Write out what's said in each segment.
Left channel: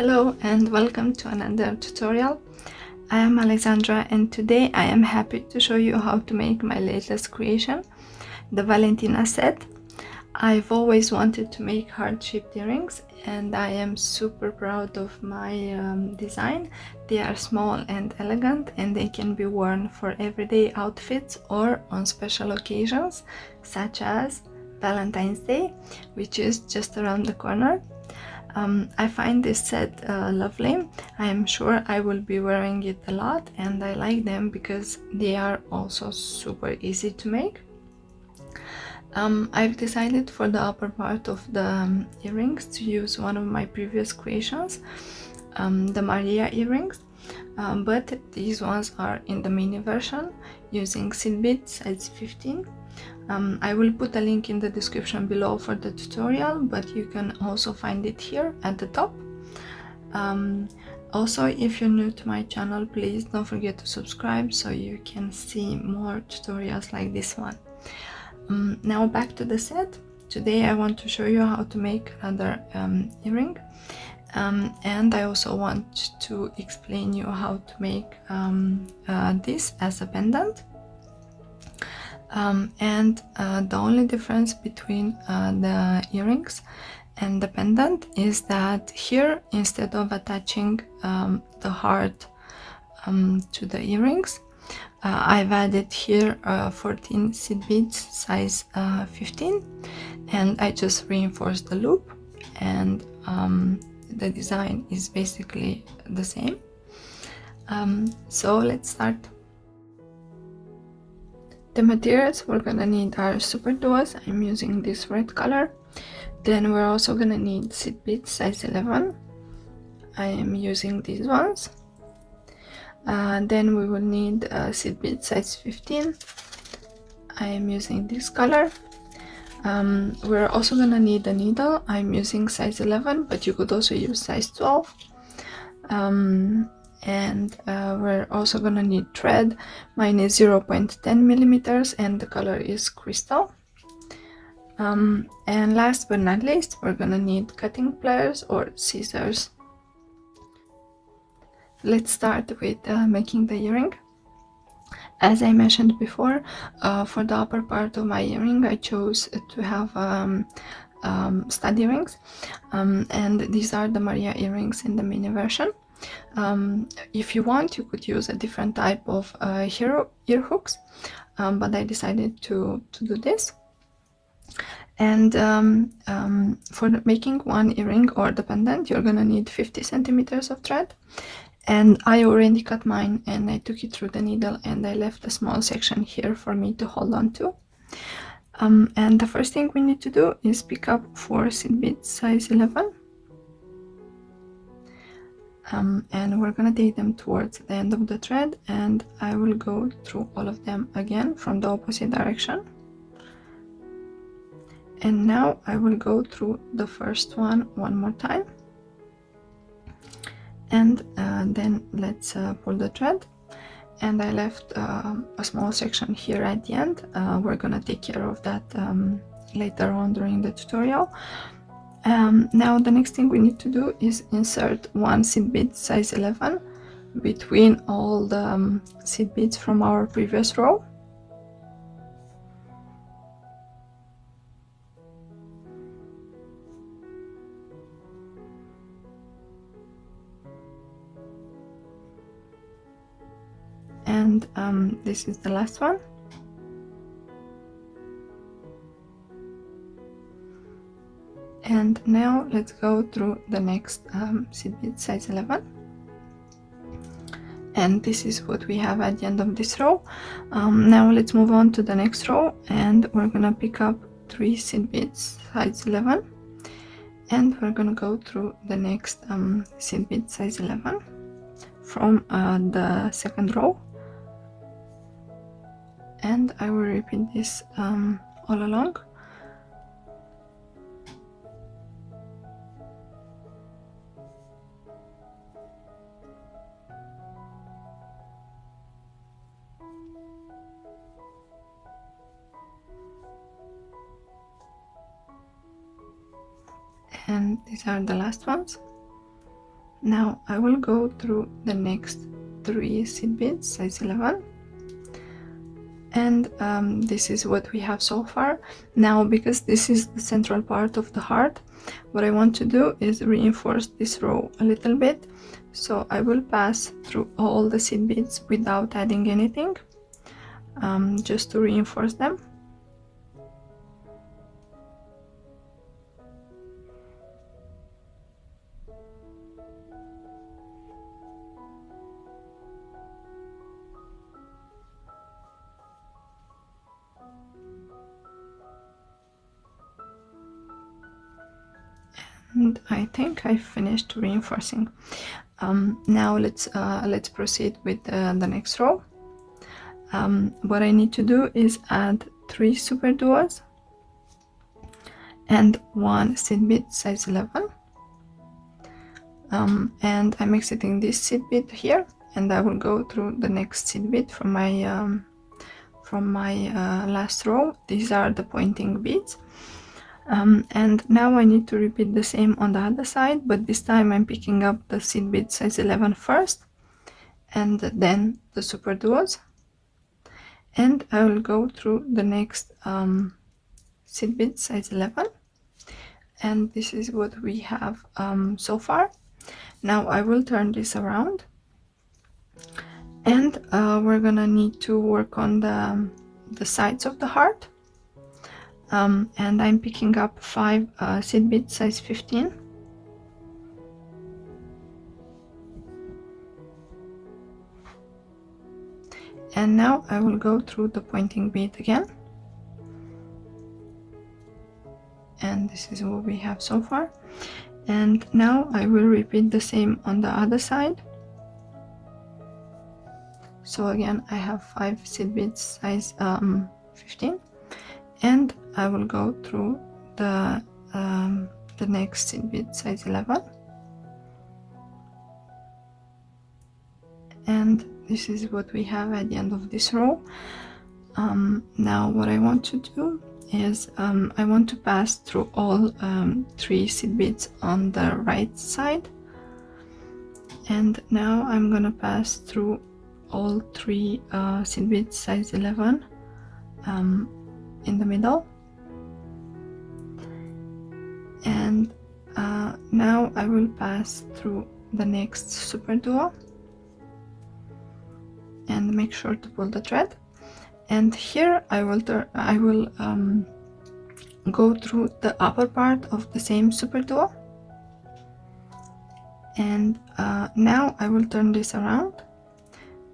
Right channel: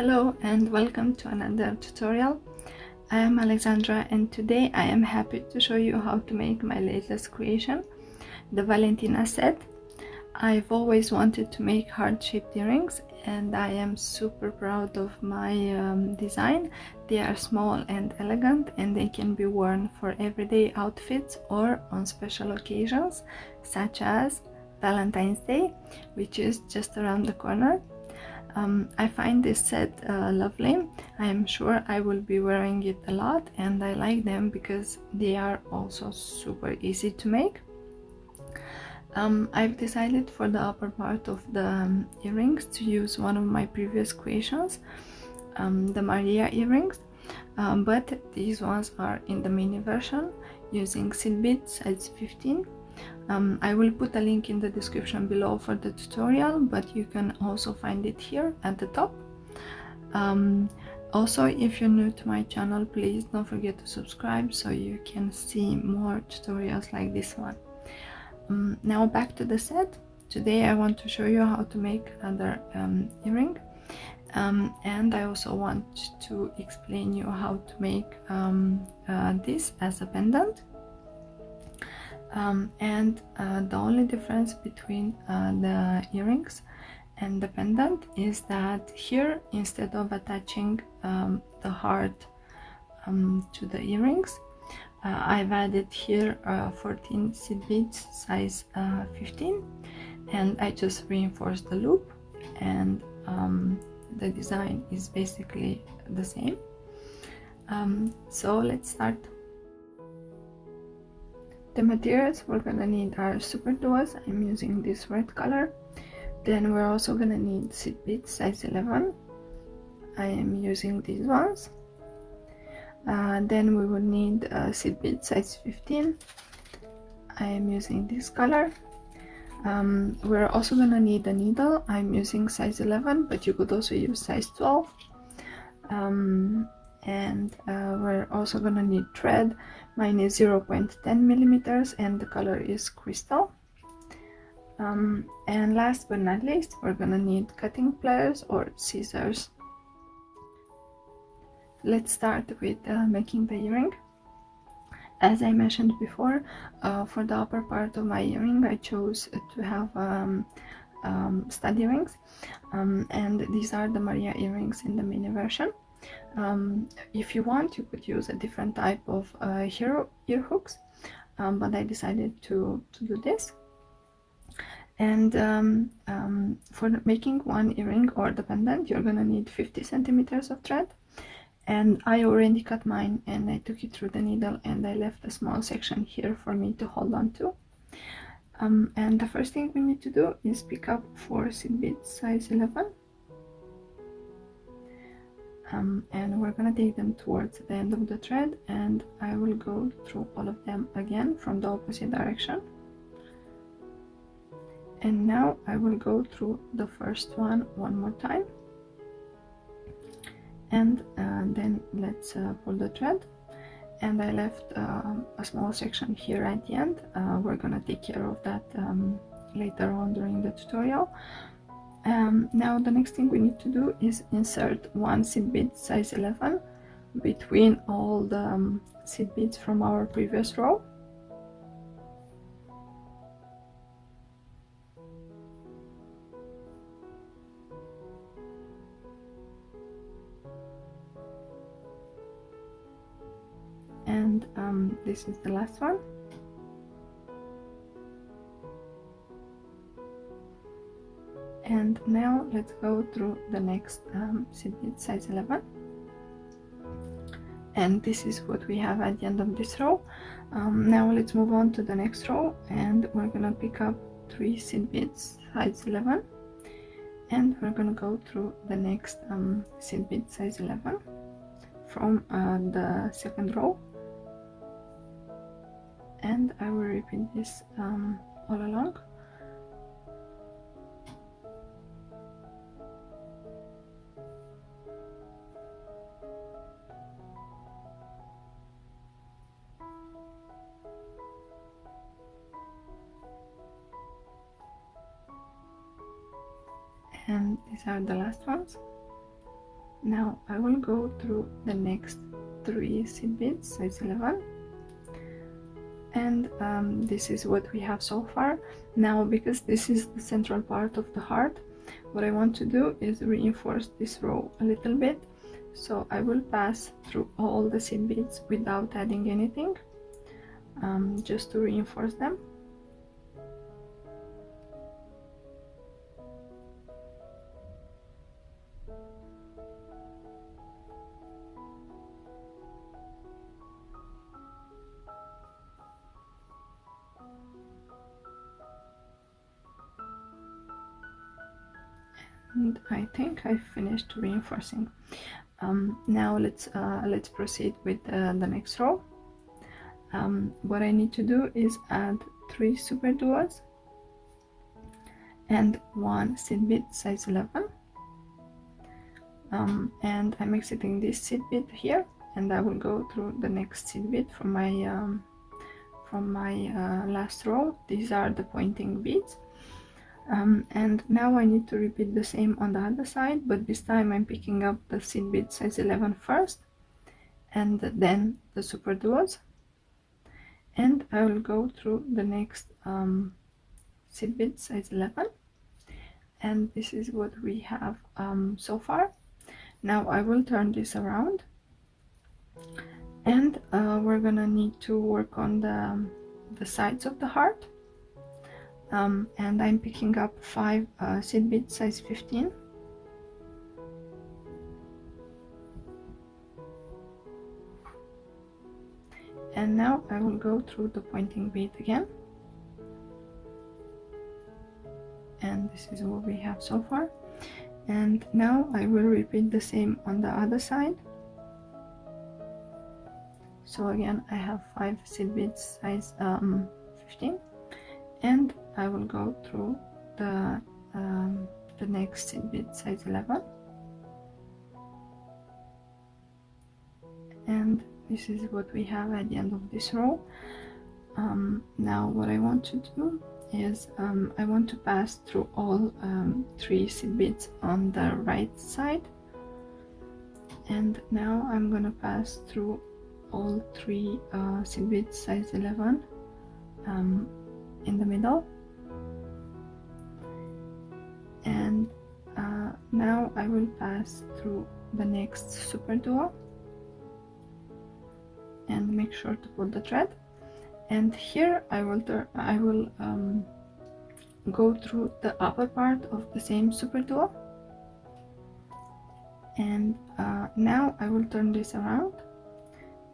Hello and welcome to another tutorial. I am Alexandra and today I am happy to show you how to make my latest creation, the Valentina set. I've always wanted to make heart-shaped earrings and I am super proud of my design. They are small and elegant and they can be worn for everyday outfits or on special occasions such as Valentine's Day, which is just around the corner. I find this set lovely. I am sure I will be wearing it a lot and I like them because they are also super easy to make. I've decided for the upper part of the earrings to use one of my previous creations, the Maria earrings, but these ones are in the mini version using seed beads size 15. I will put a link in the description below for the tutorial, but you can also find it here at the top. Also, if you're new to my channel, please don't forget to subscribe so you can see more tutorials like this one. Now back to the set. Today I want to show you how to make another earring, and I also want to explain you how to make this as a pendant. The only difference between the earrings and the pendant is that here, instead of attaching the heart to the earrings, I've added here 14 seed beads size 15, and I just reinforced the loop, and the design is basically the same. So let's start. The materials we're gonna need are Superduos. I'm using this red color. Then we're also gonna need seed beads size 11. I am using these ones. Then we will need seed beads size 15. I am using this color. We're also gonna need a needle. I'm using size 11, but you could also use size 12. We're also gonna need thread. Mine is 0.10 millimeters and the color is crystal. And last but not least, we're gonna need cutting pliers or scissors. Let's start with making the earring. As I mentioned before, for the upper part of my earring I chose to have stud earrings, and these are the Maria earrings in the mini version. If you want, you could use a different type of ear hooks, but I decided to do this. And for making one earring or the pendant, you're gonna need 50 centimeters of thread, and I already cut mine and I took it through the needle and I left a small section here for me to hold on to. And the first thing we need to do is pick up 4 seed beads size 11. And we're gonna take them towards the end of the thread, and I will go through all of them again from the opposite direction. And now I will go through the first one more time, and then let's pull the thread. And I left a small section here at the end. We're gonna take care of that later on during the tutorial. Now the next thing we need to do is insert 1 seed bead size 11 between all the seed beads from our previous row. And this is the last one. And now let's go through the next seed bead size 11, and this is what we have at the end of this row. Now let's move on to the next row, and we're gonna pick up 3 seed beads size 11, and we're gonna go through the next seed bead size 11 from the second row, and I will repeat this all along. And these are the last ones. Now I will go through the next 3 seed beads, size 11, and this is what we have so far. Now, because this is the central part of the heart, what I want to do is reinforce this row a little bit. So I will pass through all the seed beads without adding anything, just to reinforce them. And I think I finished reinforcing. Now let's proceed with the next row. What I need to do is add 3 Superduos and 1 seed bead size 11. And I'm exiting this seed bead here, and I will go through the next seed bead from my last row. These are the pointing beads. And now I need to repeat the same on the other side, but this time I'm picking up the seed bead size 11 first, and then the Superduos, and I will go through the next seed bead size 11, and this is what we have so far. Now I will turn this around, and we're gonna need to work on the sides of the heart. And I'm picking up 5 seed bead size 15. And now I will go through the pointing bead again. And this is what we have so far. And now I will repeat the same on the other side. So again, I have 5 seed beads size 15. And I will go through the next seed bead size 11, and this is what we have at the end of this row. Now what I want to do is I want to pass through all 3 seed beads on the right side, and now I'm gonna pass through all 3 seed beads size 11 in the middle. And now I will pass through the next Superduo and make sure to pull the thread. And here I will go through the upper part of the same Superduo. And now I will turn this around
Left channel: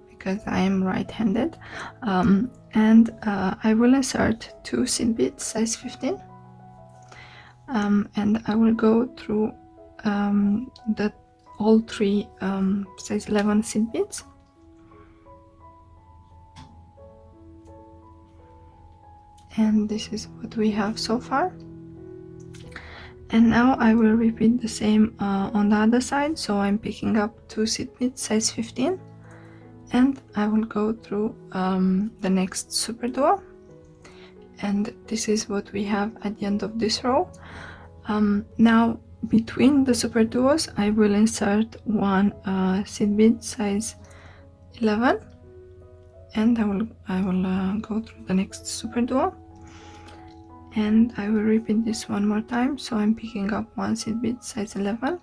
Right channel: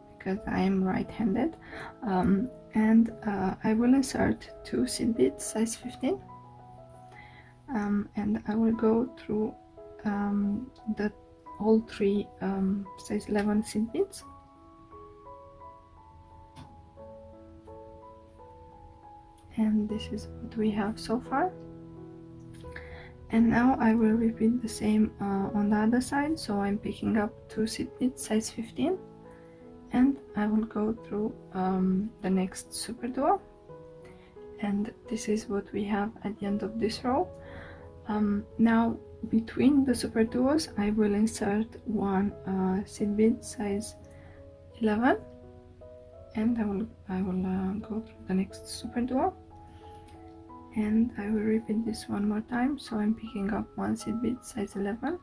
because I am right-handed, and I will insert 2 seed beads size 15. And I will go through all 3 size 11 seed beads. And this is what we have so far. And now I will repeat the same on the other side. So I'm picking up 2 seed beads size 15, and I will go through the next Superduo. And this is what we have at the end of this row. Now between the Superduos I will insert 1 seed bead size 11, and I will go through the next Superduo, and I will repeat this one more time. So I'm picking up 1 seed bead size 11,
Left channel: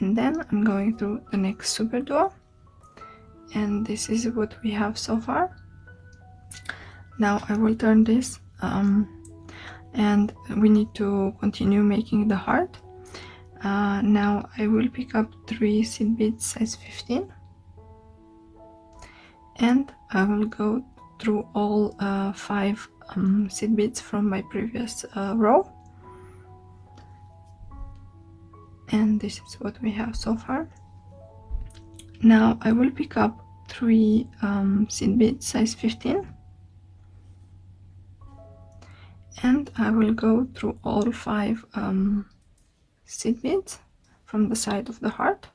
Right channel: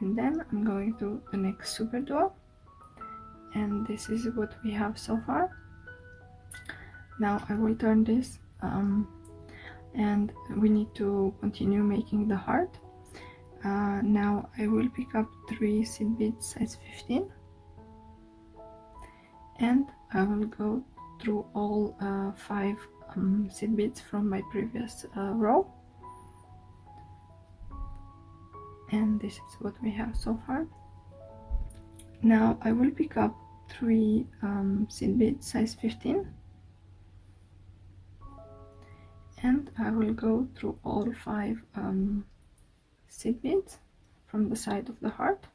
and then I'm going through the next Superduo, and this is what we have so far. Now I will turn this, and we need to continue making the heart. Now I will pick up 3 seed beads size 15, and I will go through all 5 seed beads from my previous row, and this is what we have so far. Now I will pick up 3 seed beads size 15, and I will go through all 5 seed beads from the side of the heart,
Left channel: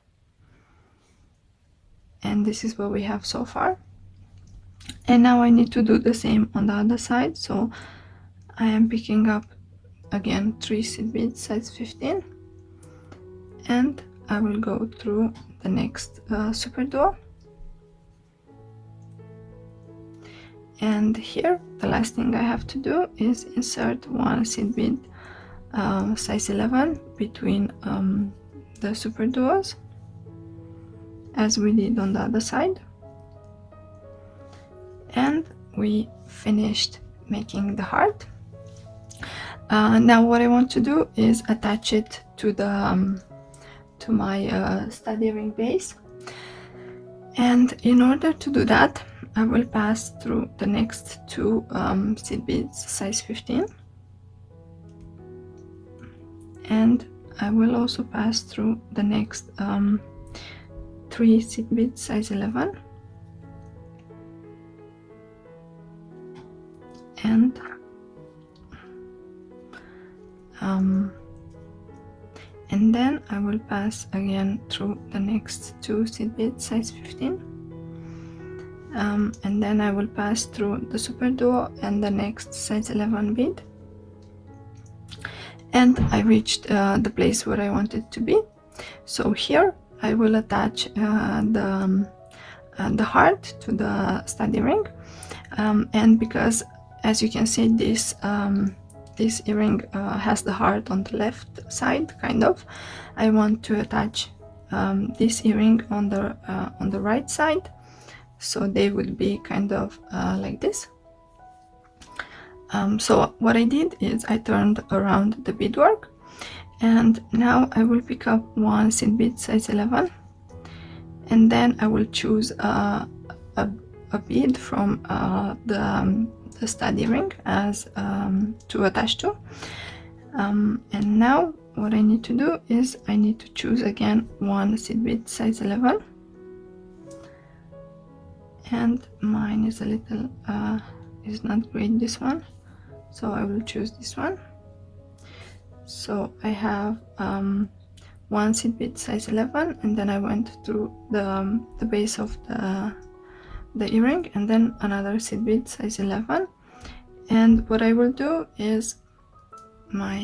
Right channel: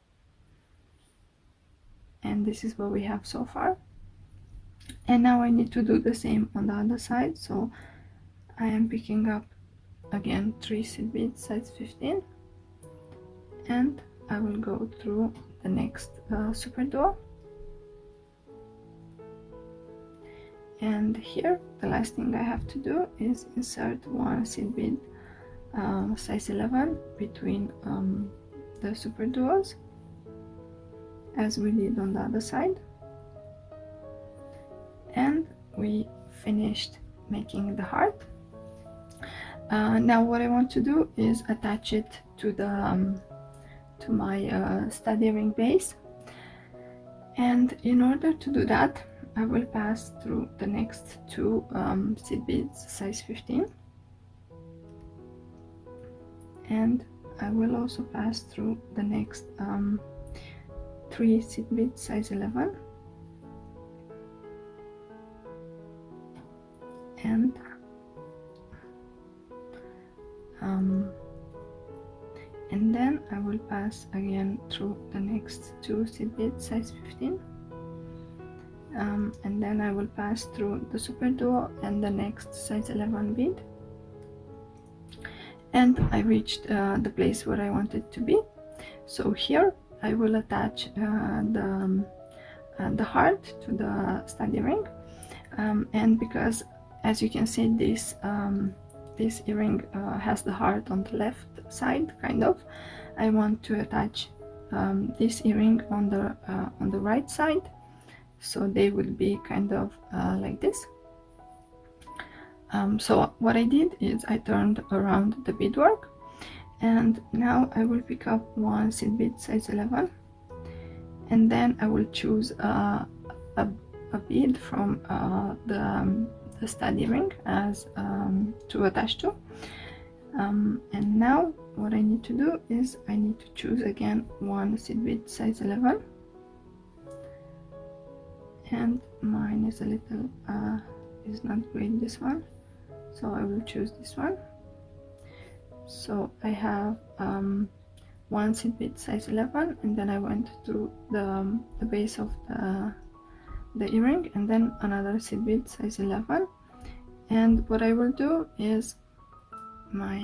and this is what we have so far. And now I need to do the same on the other side. So I am picking up again 3 seed beads size 15, and I will go through the next Superduo, and here the last thing I have to do is insert one seed bead size 11 between the Superduos, as we did on the other side. And we finished making the heart. Now what I want to do is attach it to the to my study ring base, and in order to do that I will pass through the next two seed beads size 15, and I will also pass through the next 3 seed beads size 11, and then I will pass again through the next 2 seed beads size 15, and then I will pass through the Superduo and the next size 11 bead, and I reached the place where I wanted to be. So here I will attach the heart to the study ring, and because, as you can see, this earring has the heart on the left side, kind of, I want to attach this earring on the right side, so they will be kind of like this. So what I did is I turned around the beadwork, and now I will pick up one seed bead size 11, and then I will choose a bead from the study ring as to attach to, and now what I need to do is I need to choose again one seed bead size 11, and mine is a little is not great, this one, so I will choose this one. So I have one seed bead size 11, and then I went through the base of the earring, and then another seed bead size 11, and what I will do is my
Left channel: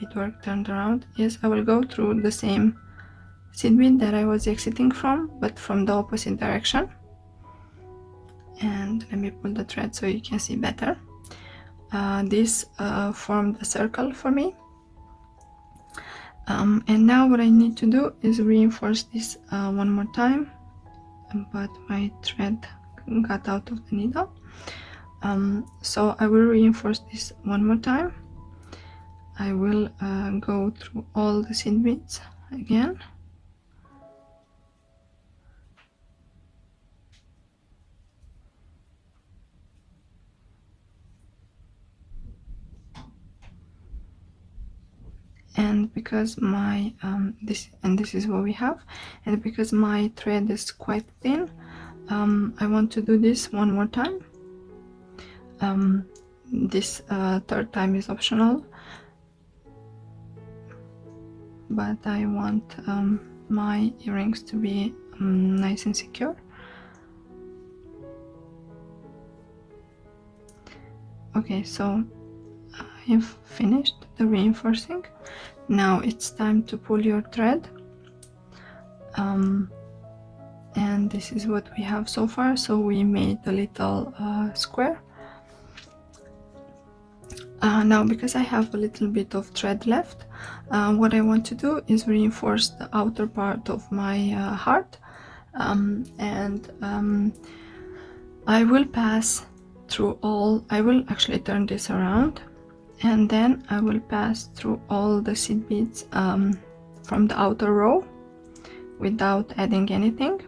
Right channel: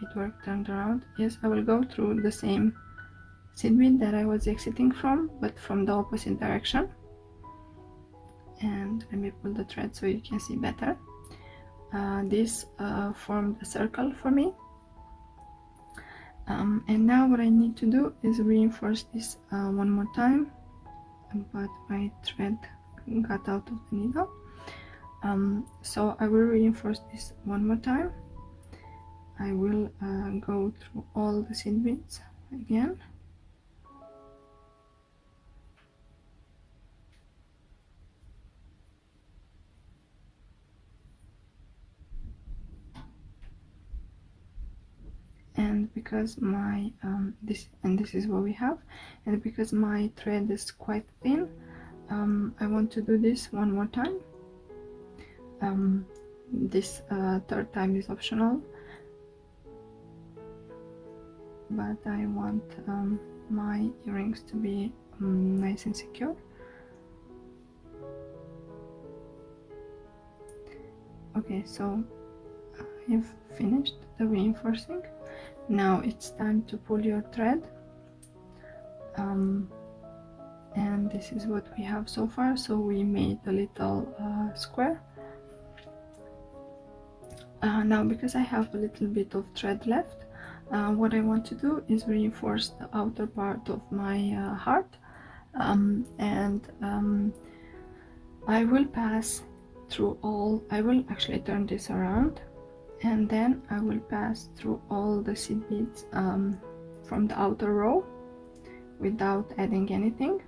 beadwork turned around is I will go through the same seed bead that I was exiting from, but from the opposite direction. And let me pull the thread so you can see better. This formed a circle for me, and now what I need to do is reinforce this one more time, but my thread got out of the needle, so I will reinforce this one more time. I will go through all the seed beads again, and because my this is what we have, and because my thread is quite thin, I want to do this one more time. This third time is optional, but I want my earrings to be nice and secure. Okay, so I have finished the reinforcing. Now it's time to pull your thread, and this is what we have so far. So we made a little square. Now, because I have a little bit of thread left, what I want to do is reinforce the outer part of my heart, and I will pass through all, I will actually turn this around, and then I will pass through all the seed beads from the outer row without adding anything.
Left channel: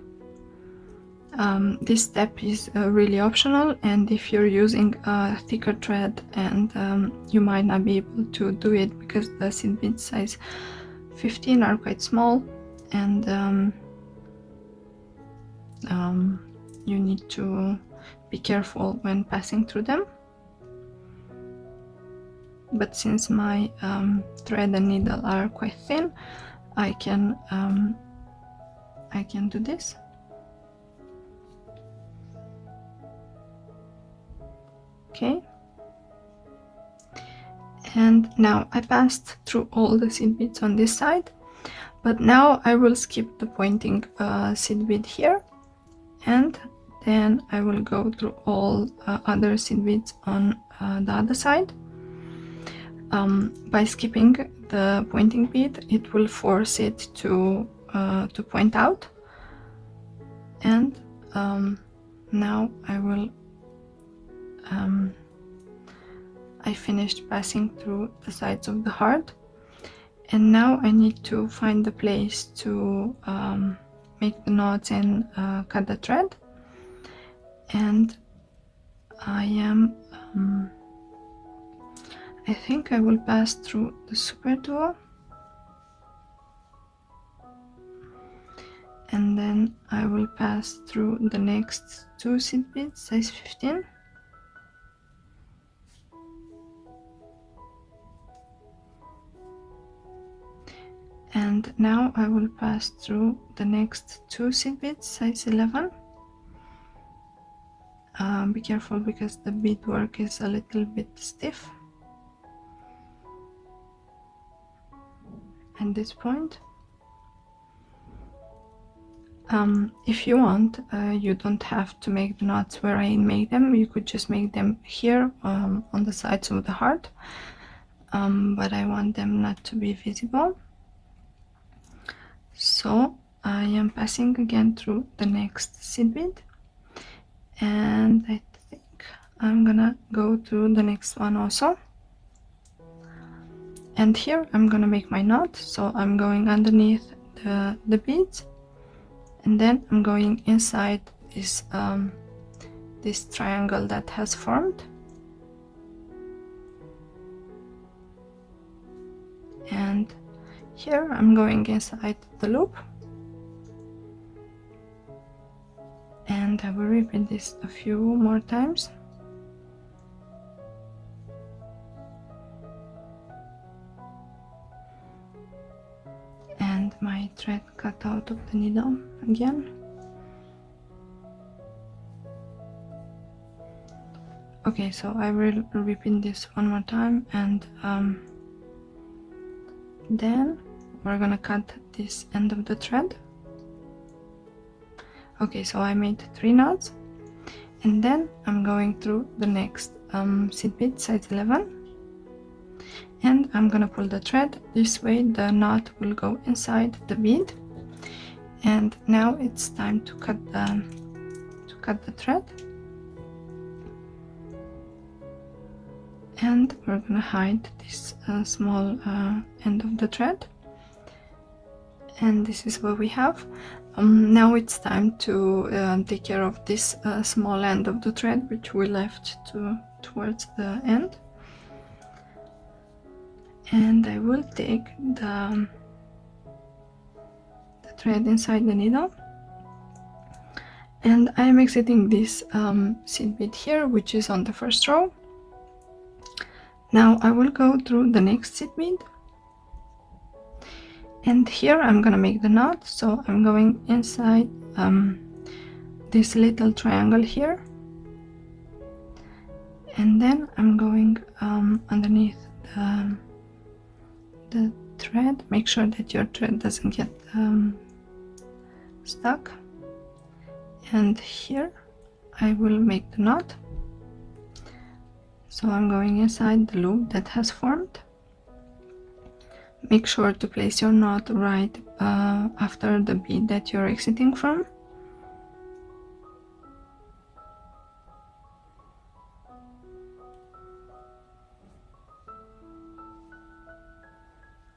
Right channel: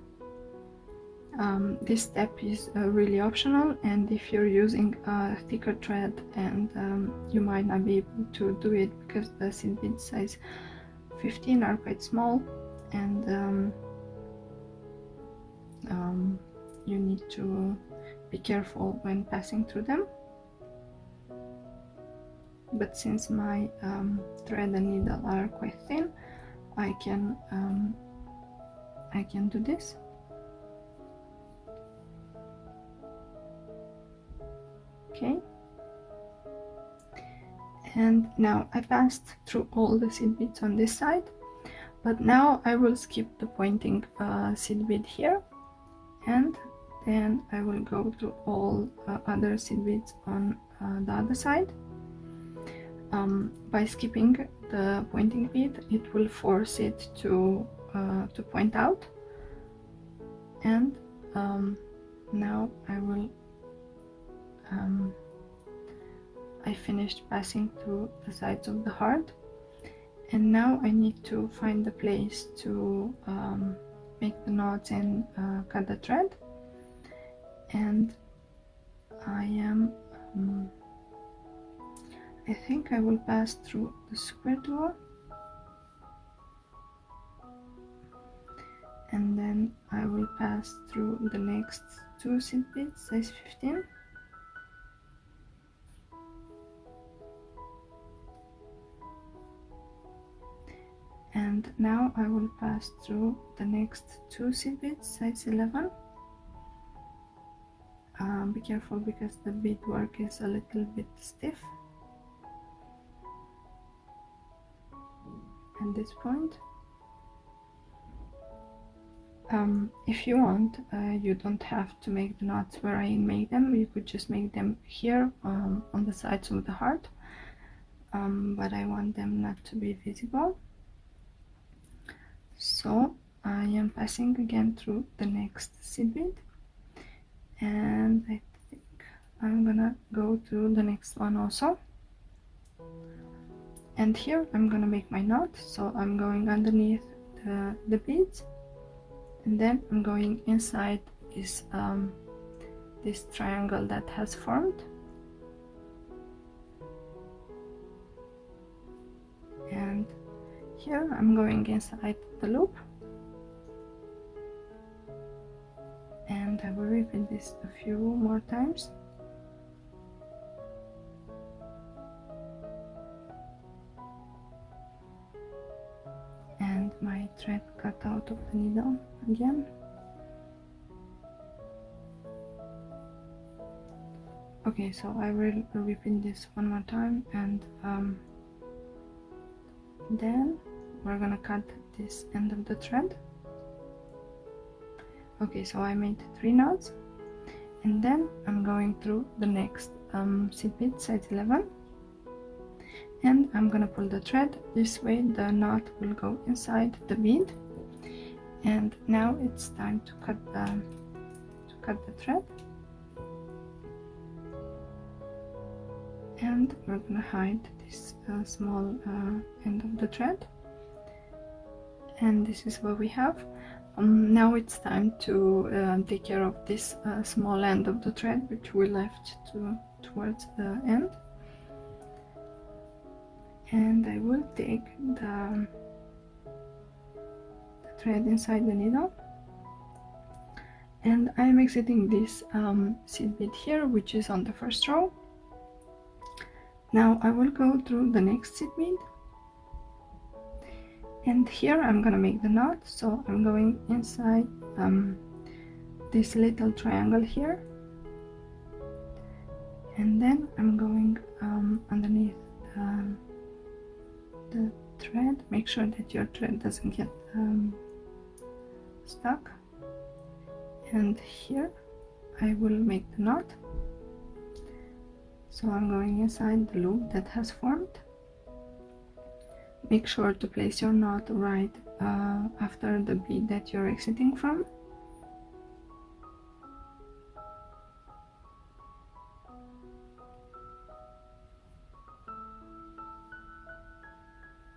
This step is really optional, and if you're using a thicker thread, and you might not be able to do it because the seed bead size 15 are quite small, and you need to be careful when passing through them. But since my thread and needle are quite thin, I can do this. Okay, and now I passed through all the seed beads on this side, But now I will skip the pointing seed bead here, and then I will go through all other seed beads on the other side. By skipping the pointing bead, it will force it to point out. And now I finished passing through the sides of the heart, and now I need to find the place to make the knots and cut the thread. And I think I will pass through the Superduos, and then I will pass through the next 2 seed beads, size 15. And now I will pass through the next 2 seed beads, size 11. Be careful because the beadwork is a little bit stiff at this point. If you want, you don't have to make the knots where I made them. You could just make them here on the sides of the heart, but I want them not to be visible. So I am passing again through the next seed bead, and I think I'm gonna go through the next one also. And here I'm gonna make my knot, so I'm going underneath the beads, and then I'm going inside this this triangle that has formed. And here I'm going inside the loop, and I will repeat this a few more times. And my thread cut out of the needle again. Okay, so I will repeat this one more time, and then we're gonna cut this end of the thread. Okay, so I made 3 knots, and then I'm going through the next seed bead, size 11, and I'm gonna pull the thread this way. The knot will go inside the bead, and now it's time to cut the thread. And we're gonna hide this small end of the thread, and this is what we have. Now it's time to take care of this small end of the thread which we left towards the end. And I will take the thread inside the needle, and I am exiting this seed bead here, which is on the first row. Now I will go through the next seed bead, and here I'm gonna make the knot, so I'm going inside this little triangle here, and then I'm going underneath the thread. Make sure that your thread doesn't get stuck, and here I will make the knot. So I'm going inside the loop that has formed. Make sure to place your knot right after the bead that you're exiting from.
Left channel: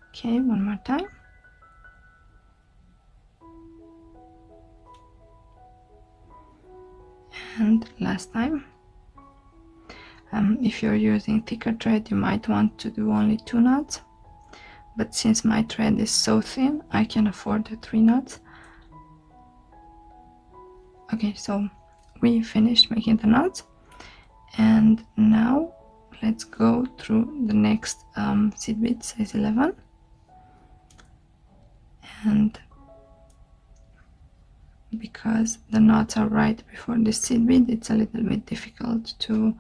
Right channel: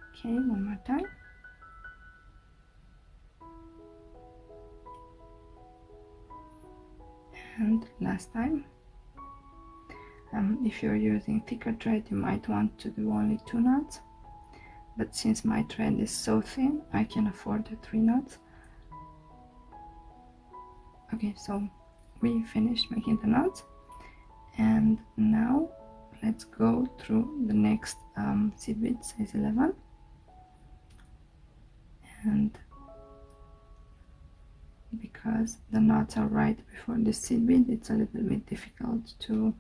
Okay, one more time. And last time. If you're using thicker thread, you might want to do only 2 knots, but since my thread is so thin, I can afford the 3 knots. Okay, so we finished making the knots, and now let's go through the next seed bead, size 11. And because the knots are right before the seed bead, it's a little bit difficult to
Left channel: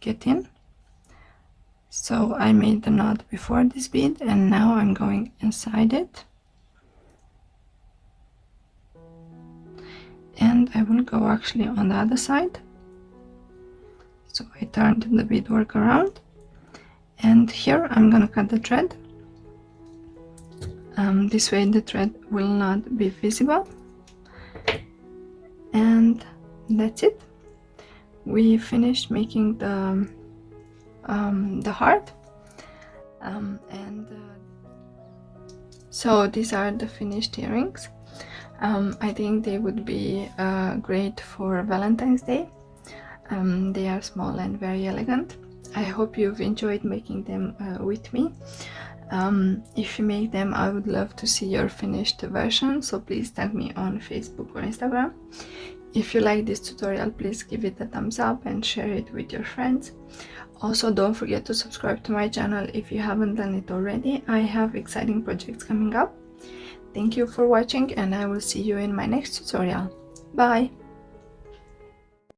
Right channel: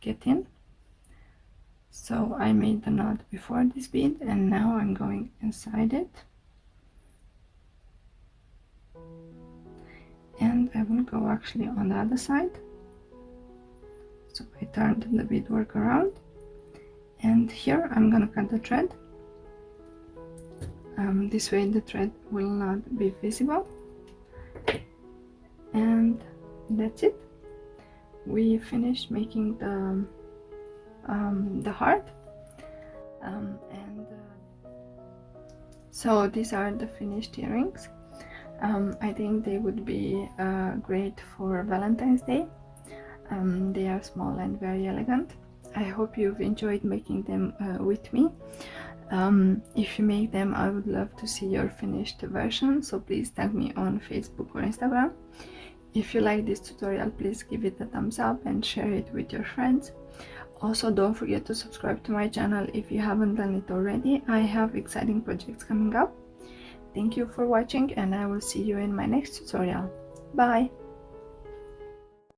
get in. So I made the knot before this bead, and now I'm going inside it, and I will go actually on the other side. So I turned the beadwork around, and here I'm gonna cut the thread. This way the thread will not be visible, and that's it. We finished making the heart, so these are the finished earrings. I think they would be great for Valentine's Day. They are small and very elegant. I hope you've enjoyed making them with me. If you make them, I would love to see your finished version, so please tag me on Facebook or Instagram. If you like this tutorial, please give it a thumbs up and share it with your friends. Also, don't forget to subscribe to my channel if you haven't done it already. I have exciting projects coming up. Thank you for watching, and I will see you in my next tutorial. Bye!